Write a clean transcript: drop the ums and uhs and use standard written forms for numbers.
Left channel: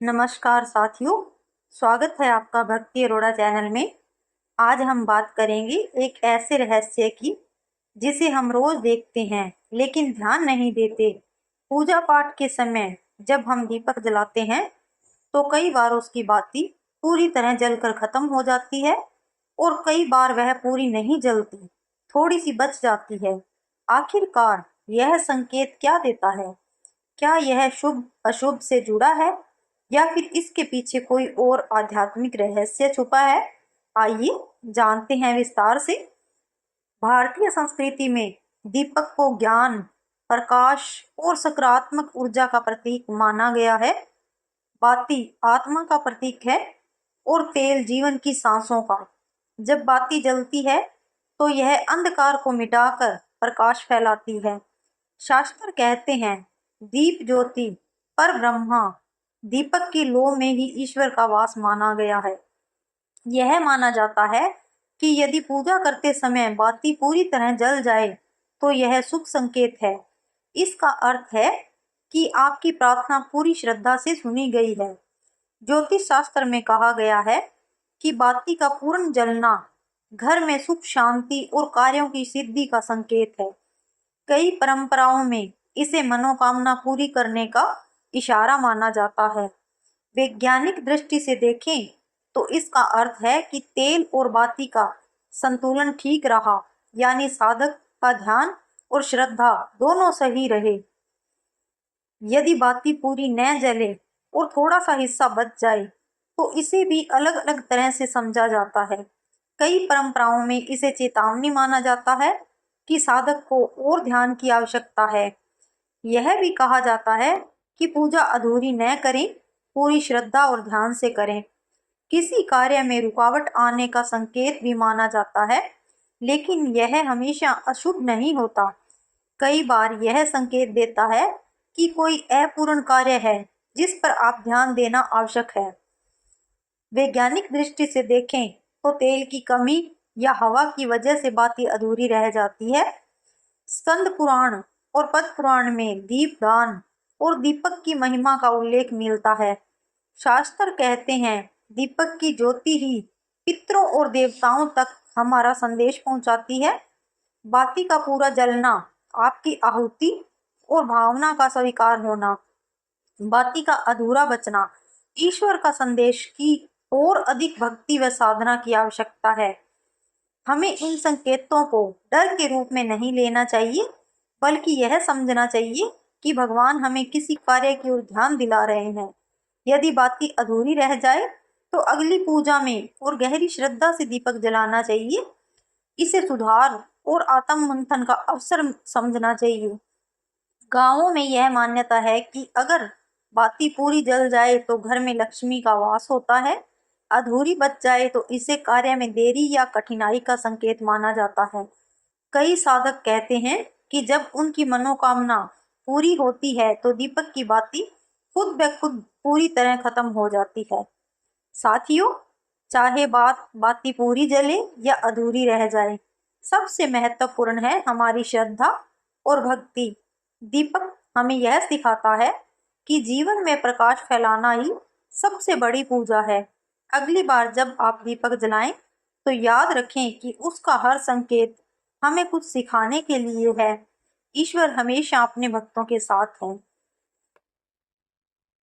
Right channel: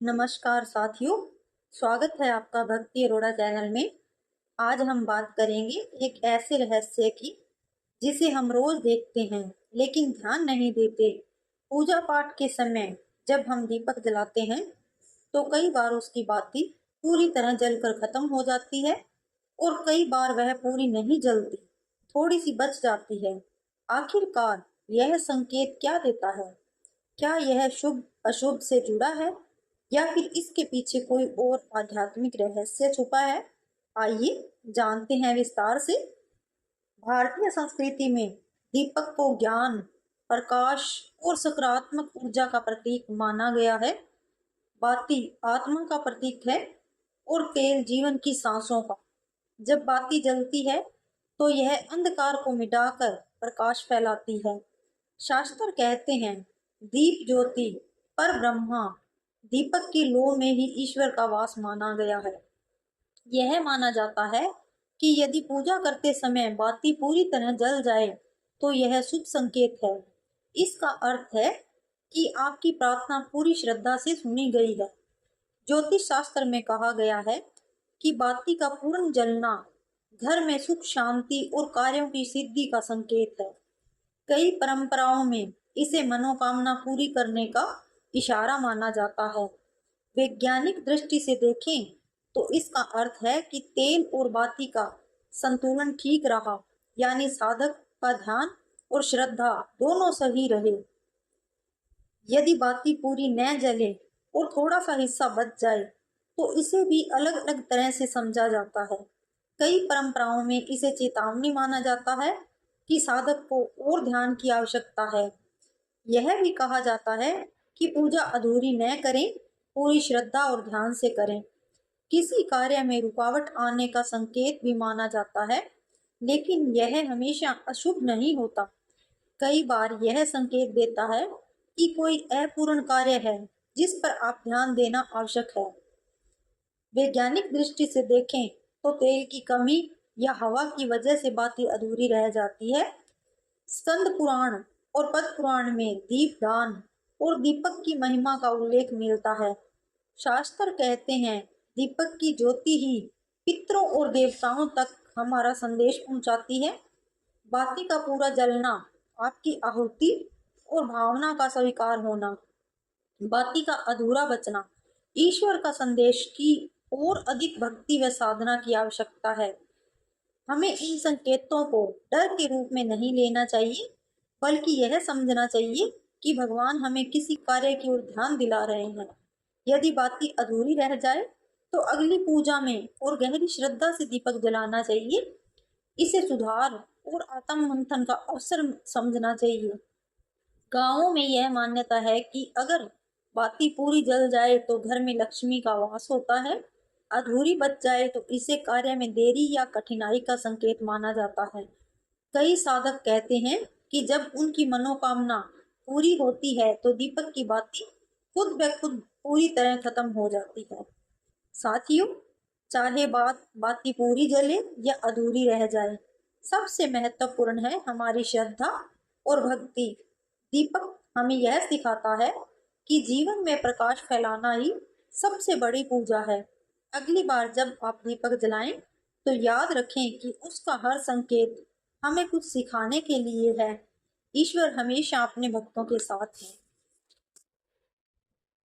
नमस्कार साथियों, स्वागत है आपका भक्ति अरोड़ा चैनल में। आज हम बात करेंगे एक ऐसे रहस्य की जिसे हम रोज देखते हैं लेकिन ध्यान नहीं देते। पूजा पाठ के समय जब हम दीपक जलाते हैं तो कई बार उसकी बाती पूरी तरह जलकर खत्म हो जाती है और कई बार वह पूरी नहीं जलती, थोड़ी सी बच जाती है। आखिरकार यह संकेत क्या देता है? क्या यह शुभ अशुभ से जुड़ा है या फिर इसके पीछे कोई और आध्यात्मिक रहस्य छुपा है? आइए जानते हैं विस्तार से। भारतीय संस्कृति में दीपक को ज्ञान, प्रकाश और सकारात्मक ऊर्जा का प्रतीक माना गया है। बाती आत्मा का प्रतीक है और तेल जीवन की सांसों का। जब बाती जलती है तो यह अंधकार को मिटाकर प्रकाश फैलाती है। शास्त्र कहते हैं, दीप ज्योति पर ब्रह्मा, दीपक की लौ में ही ईश्वर का वास माना गया है। यह माना जाता है कि यदि पूजा करते समय बाती पूरी तरह जल जाए तो यह शुभ संकेत है। इसका अर्थ है कि आपकी प्रार्थना पूरी श्रद्धा से सुनी गई है। ज्योतिष शास्त्र में कहा गया है कि बाती का पूर्ण जलना घर में सुख, शांति और कार्यों की सिद्धि का संकेत है। कई परंपराओं में इसे मनोकामना पूरी करने का इशारा माना जाता है। वैज्ञानिक दृष्टि से देखें तो इसका अर्थ है कि तेल और बाती का संतुलन ठीक रहा, यानी साधक का ध्यान और श्रद्धा दोनों सही रहे। यदि बाती पूरी न जले और थोड़ा सा हिस्सा बच जाए तो इसे भी अलग अलग तरह से समझा जाता है। कई परंपराओं में इसे चेतावनी माना जाता है कि साधक को और ध्यान की आवश्यकता है। यह भी कहा जाता है कि पूजा अधूरी न करें, पूरी श्रद्धा और ध्यान से करें। किसी कार्य में रुकावट आने का संकेत भी माना जाता है, लेकिन यह हमेशा अशुभ नहीं होता। कई बार यह संकेत देता है कि कोई अपूर्ण कार्य है जिस पर आप ध्यान देना आवश्यक है। वैज्ञानिक दृष्टि से देखें तो तेल की कमी या हवा की वजह से बाती अधूरी रह जाती है। स्कंद पुराण और पद्म पुराण में दीपदान और दीपक की महिमा का उल्लेख मिलता है। शास्त्र कहते हैं, दीपक की ज्योति ही पितरों और देवताओं तक हमारा संदेश पहुंचाती है। बाती का पूरा जलना आपकी आहुति और भावना का स्वीकार होना, बाती का अधूरा बचना ईश्वर का संदेश की और अधिक भक्ति व साधना की आवश्यकता है। हमें इन संकेतों को डर के रूप में नहीं लेना चाहिए, बल्कि यह समझना चाहिए कि भगवान हमें किसी कार्य की ओर ध्यान दिला रहे हैं। यदि बाती अधूरी रह जाए तो अगली पूजा में और गहरी श्रद्धा से दीपक जलाना चाहिए। इसे सुधार और आत्म मंथन का अवसर समझना चाहिए। गांवों में यह मान्यता है कि अगर बाती पूरी जल जाए तो घर में लक्ष्मी का वास होता है। अधूरी बच जाए तो इसे कार्य में देरी या कठिनाई का संकेत माना जाता है। कई साधक कहते हैं कि जब उनकी मनोकामना पूरी होती है तो दीपक की बाती खुद ब खुद पूरी तरह खत्म हो जाती है। साथियों, चाहे बाती पूरी जले या अधूरी रह जाए, सबसे महत्वपूर्ण है हमारी श्रद्धा और भक्ति। दीपक हमें यह सिखाता है कि जीवन में प्रकाश फैलाना ही सबसे बड़ी पूजा है। अगली बार जब आप दीपक जलाएं तो याद रखें कि उसका हर संकेत हमें कुछ सिखाने के लिए है। ईश्वर हमेशा अपने भक्तों के साथ है।